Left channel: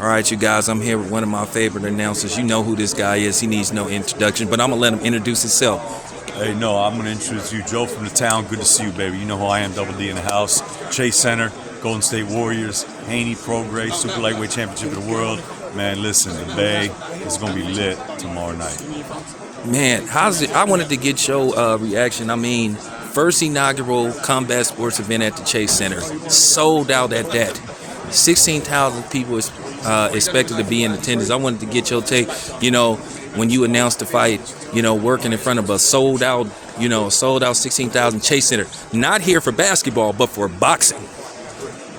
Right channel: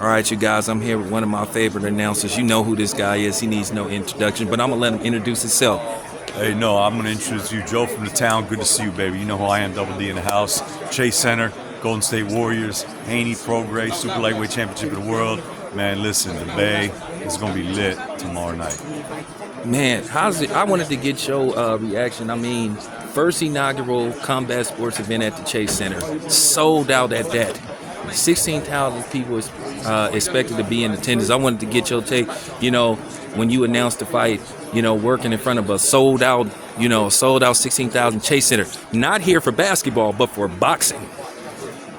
All right, you guys, I'm here with one of my favorite announcers. You know who this guy is. He needs no introduction, but I'm going to let him introduce himself. Hey, no, I'm going to introduce you, Joe from the town. Good to see you, baby. You know who I am, Double D in the house. Chase Center, Golden State Warriors, Haney, Prograis, Super Lightweight Championship of the World. Man, listen, the Bay is going to be lit tomorrow night. Man, how's it? I wanted to get your reaction. I mean, first inaugural combat sports event at the Chase Center. Sold out at that. 16,000 people expected to be in attendance. I wanted to get your take, when you announced the fight, working in front of a sold out 16,000 Chase Center. Not here for basketball, but for boxing.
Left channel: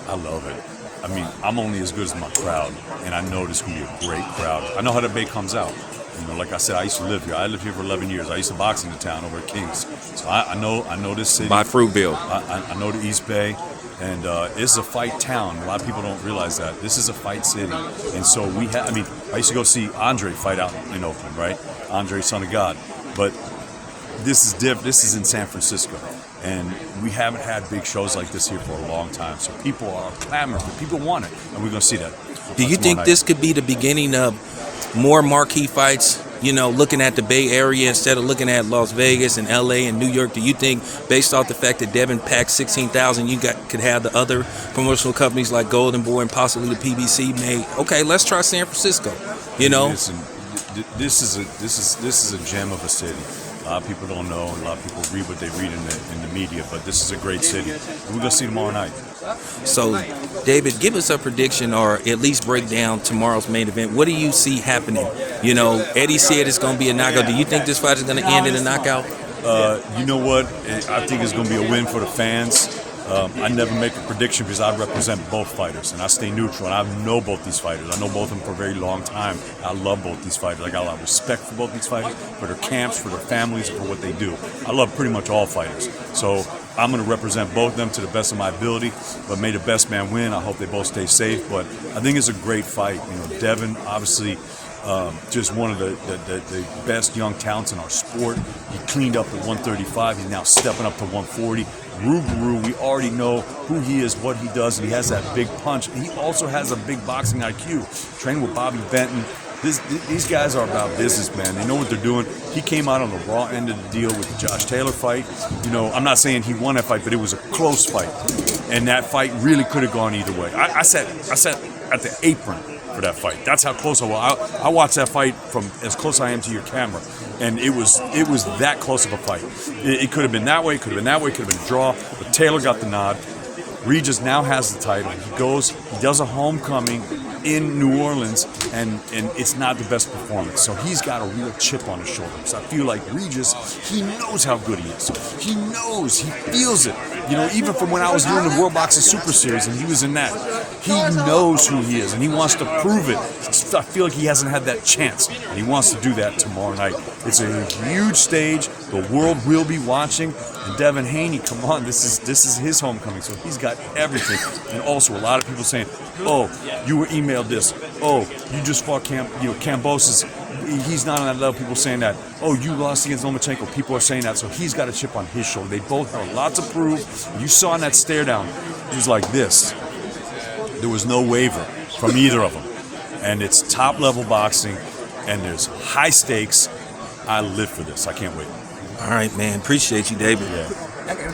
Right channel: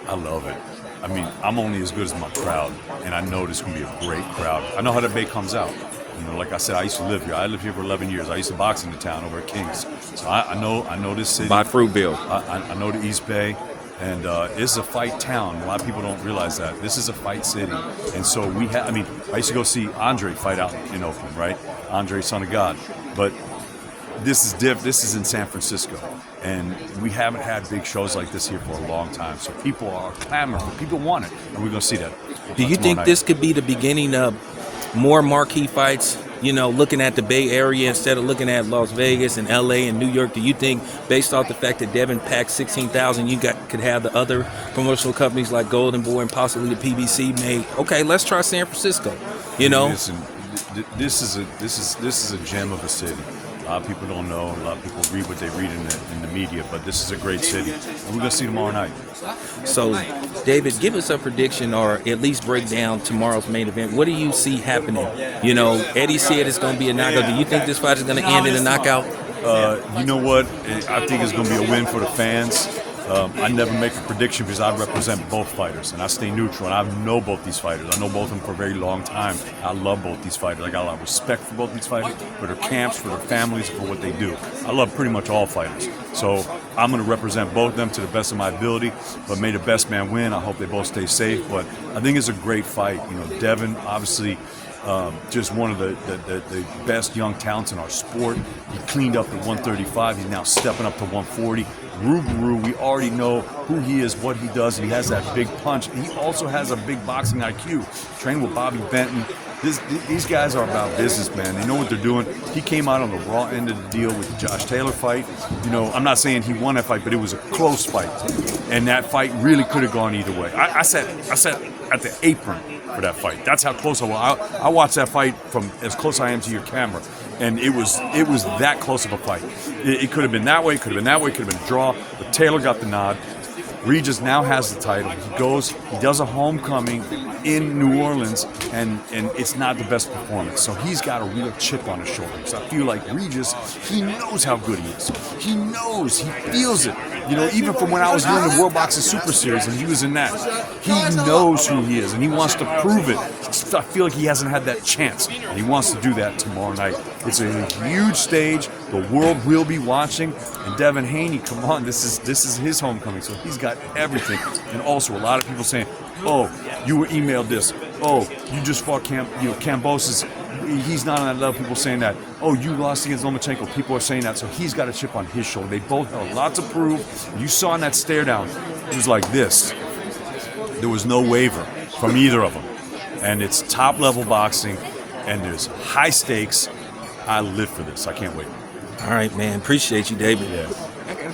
I love it. I mean, I'm only as good as my crowd, and I know this is going to be a great crowd. I know how the Bay comes out. Like I said, I used to live here. I lived here for 11 years. I used to box in the town over at Kings. So I know this city. By Fruitville. I know the East Bay. And it's a fight town. A lot of people don't realize that. This is a fight city. And so I used to go see Andre fight out in Oakland, right? Andre, son of God. But this is different. This is in San Francisco. And we haven't had big shows like this here for a long time. So people are clamoring. People want it. And we're going to see that. Do you think this could be the beginning of more marquee fights? Looking at the Bay Area instead of looking at Las Vegas and LA and New York, do you think, based off the fact that Devin packed 16,000, could have the other promotional companies like Golden Boy and possibly the PBC made? Okay, let's try San Francisco. Listen, this is a gem of a city. A lot of people don't know. A lot of people read what they read in the media, but this is a great city. We're gonna see tomorrow night. So, David, give us a prediction or at least break down tomorrow's main event. What do you see happening? Eddie said it's going to be a knockout. Do you think this fight is going to end in a knockout? You know what? I think it's going to be a win for the fans. I never make a prediction because I represent both fighters and I stay neutral. And I know both these fighters. I know both of them for a very long time. I love both these fighters. I got a lot of respect for both these fighters, for their camps, for their families, for what they do. I love pretty much all fighters. So I'm going to represent both of them to the best of my ability. But may the best man win. I hope they both stay safe. But I think it's a great fight. Devin, obviously, just one of the best young talents in our sport. He cleaned up at 135. He's now stepping up to 140. Rougarou, we already know who he is, what he does, and he has that big punch. And he also has a big boxing IQ. Training with Bobby Benton. These guys are about business, man. They know what they're doing. He came out on the raw end of the deal with the Josh Taylor fight. I'm not saying he won that fight, but it was a close fight. And that fight really could have gone either way. I sat at the apron for that fight. That's how close I was. I watched that fight from as close I am to your camera, and it was that close of a fight. It could have been that way, could have been that way, could have been a draw, but Taylor got the nod. Regis now has the title. He does a homecoming in New Orleans, and it's not the best performance. So he's got a real chip on his shoulder. So I feel like Regis, he knows how good he is. He knows, he feels it. Even from when I was doing the World Boxing Super Series and he was in that, he knows who he is and he wants to prove it. I feel like he hasn't had that chance. And he wants to do that tomorrow night. It's a huge stage. The world will be watching. And Devin Haney, come on, this is his homecoming. So he's got everything. And also a lot of people saying, oh, you were emailed this. Oh, you just fought Kambosos. He's not on that level. People saying that. Oh, you lost against Lomachenko. People are saying that. So he's got a chip on his shoulder. They both have a lot to prove. You saw in that stare down, it was like this. There was no waver from either of them. And it's top level boxing and there's high stakes. I live for this. I can't wait. All right, man. Appreciate you, David. Yeah.